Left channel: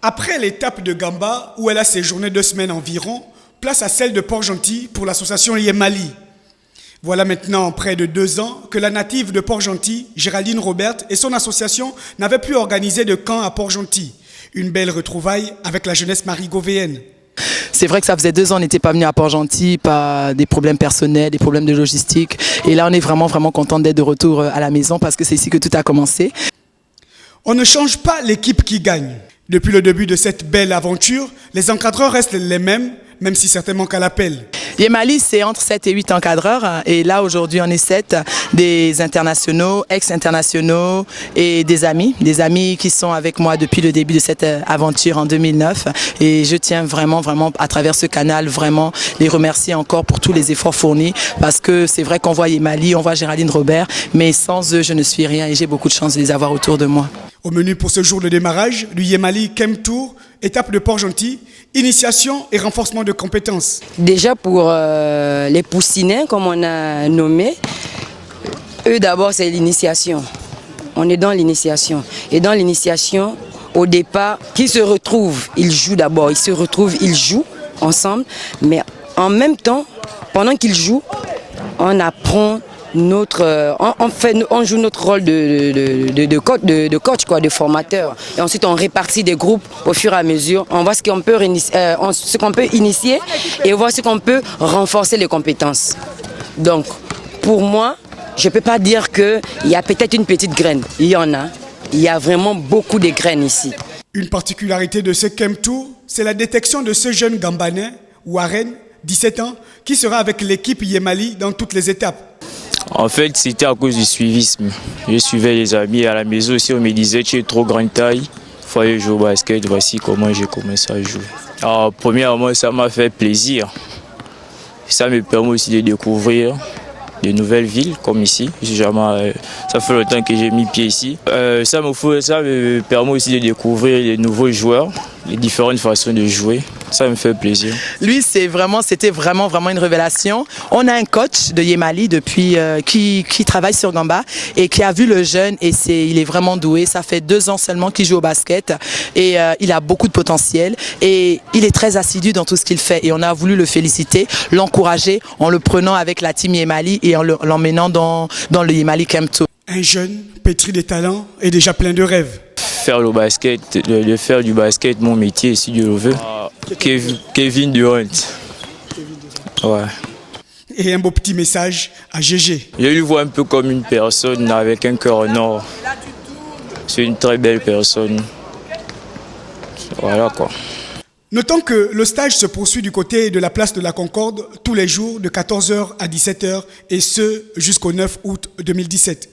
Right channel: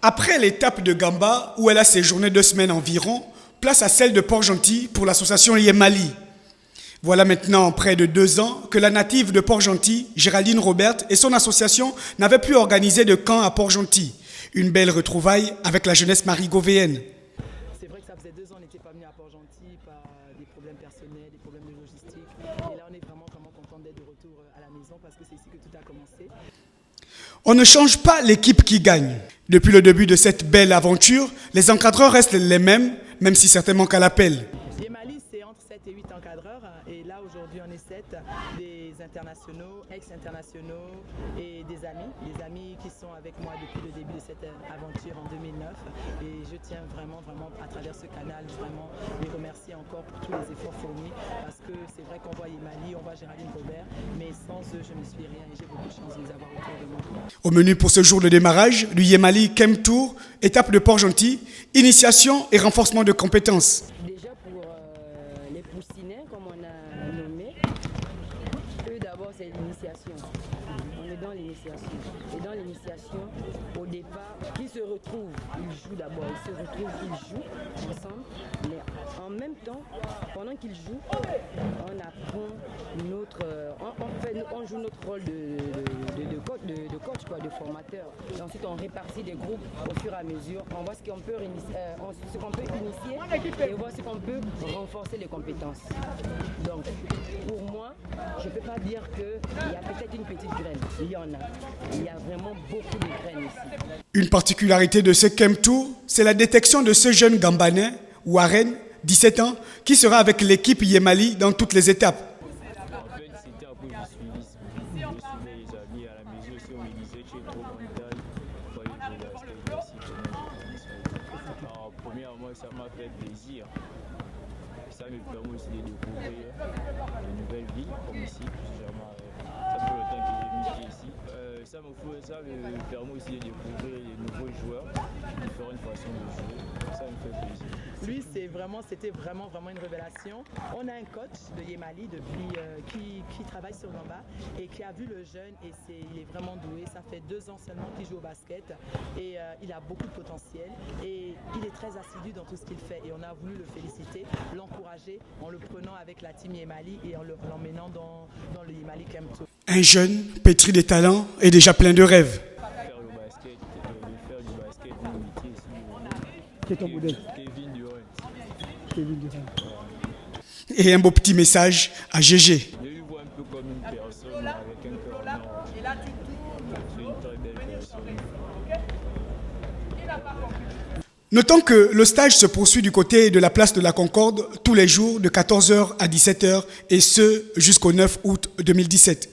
Après l'étape de Gamba, où elle a séjourné 2 semaines environ, place à celle de Port-Gentil pour l'association Yemali. Voilà maintenant près de 2 ans que la native de Port-Gentil, Géraldine Robert, et son association n'avaient plus organisé de camp à Port-Gentil. Une belle retrouvaille avec la jeunesse marigovéenne. C'est vrai que ça faisait 2 ans, on n'était pas venu à Port-Gentil, pas des problèmes personnels, des problèmes de logistique. Et là, on est vraiment content d'être de retour à la maison parce que c'est ici que tout a commencé. On ne change pas l'équipe qui gagne. Depuis le début de cette belle aventure, les encadreurs restent les mêmes, même si certains manquent à l'appel. Yemali, c'est entre 7 et 8 encadreurs. Et là, aujourd'hui, on est 7, des internationaux, ex-internationaux et des amis qui sont avec moi depuis le début de cette aventure en 2009. Et je tiens vraiment, à travers ce canal, vraiment les remercier encore pour tous les efforts fournis. Parce que c'est vrai qu'on voit Yemali, on voit Géraldine Robert, mais sans eux, je ne suis rien et j'ai beaucoup de chance de les avoir autour de moi. Au menu pour ce jour de démarrage du Yemali Camp Tour, étape de Port-Gentil, initiation et renforcement de compétences. Déjà pour les poussinets, comme on a nommé, eux d'abord c'est l'initiation. On est dans l'initiation. Et dans l'initiation, au départ, qu'ils se retrouvent, ils jouent d'abord, ils jouent ensemble, mais en même temps, pendant qu'ils jouent, on apprend on joue notre rôle de coach, quoi, de formateur. Et ensuite, on répartit des groupes au fur et à mesure. On voit ce qu'on peut initier et on voit ce qu'on peut renforcer les compétences. Donc, pour moi, je ne peux pas dire qu'il y a peut-être une petite graine. Il y en a. Il y a vraiment beaucoup de graines ici. Une particularité de ce Camp Tour, c'est la détection de ce jeune Gambanais, Warren, 17 ans, qui sera avec l'équipe Yemali dans toutes les étapes. En fait, c'était à cause du suivisme. Je suivais les amis à la maison aussi, on me disait tu es trop grande taille, il faut aller jouer au basket, voici comment j'ai commencé à jouer. Alors, premièrement, ça m'a fait plaisir. Ça me permet aussi de découvrir de nouvelles villes comme ici. Ça fait longtemps que j'ai mis pied ici. Ça me permet aussi de découvrir les nouveaux joueurs, les différentes façons de jouer. Ça me fait plaisir. Lui, c'était vraiment une révélation. On a un coach de Yemali depuis qui travaille sur Gamba et qui a vu le jeune et il est vraiment doué. Ça fait 2 ans seulement qu'il joue au basket et il a beaucoup de potentiel et il est très assidu dans tout ce qu'il fait. Et on a voulu le féliciter, l'encourager en le prenant avec la team Yemali et en l'emmenant dans le Yemali Camp Tour. Un jeune pétri de talent et déjà plein de rêves. Faire le basket, de faire du basket mon métier, si Dieu le veut. Kevin Durant. Ouais. Et un beau petit message à GG. Je le vois un peu comme une personne avec un cœur en or. C'est une très belle personne. Voilà quoi. Notons que le stage se poursuit du côté de la place de la Concorde tous les jours de 14h à 17h et ce jusqu'au 9 août 2017.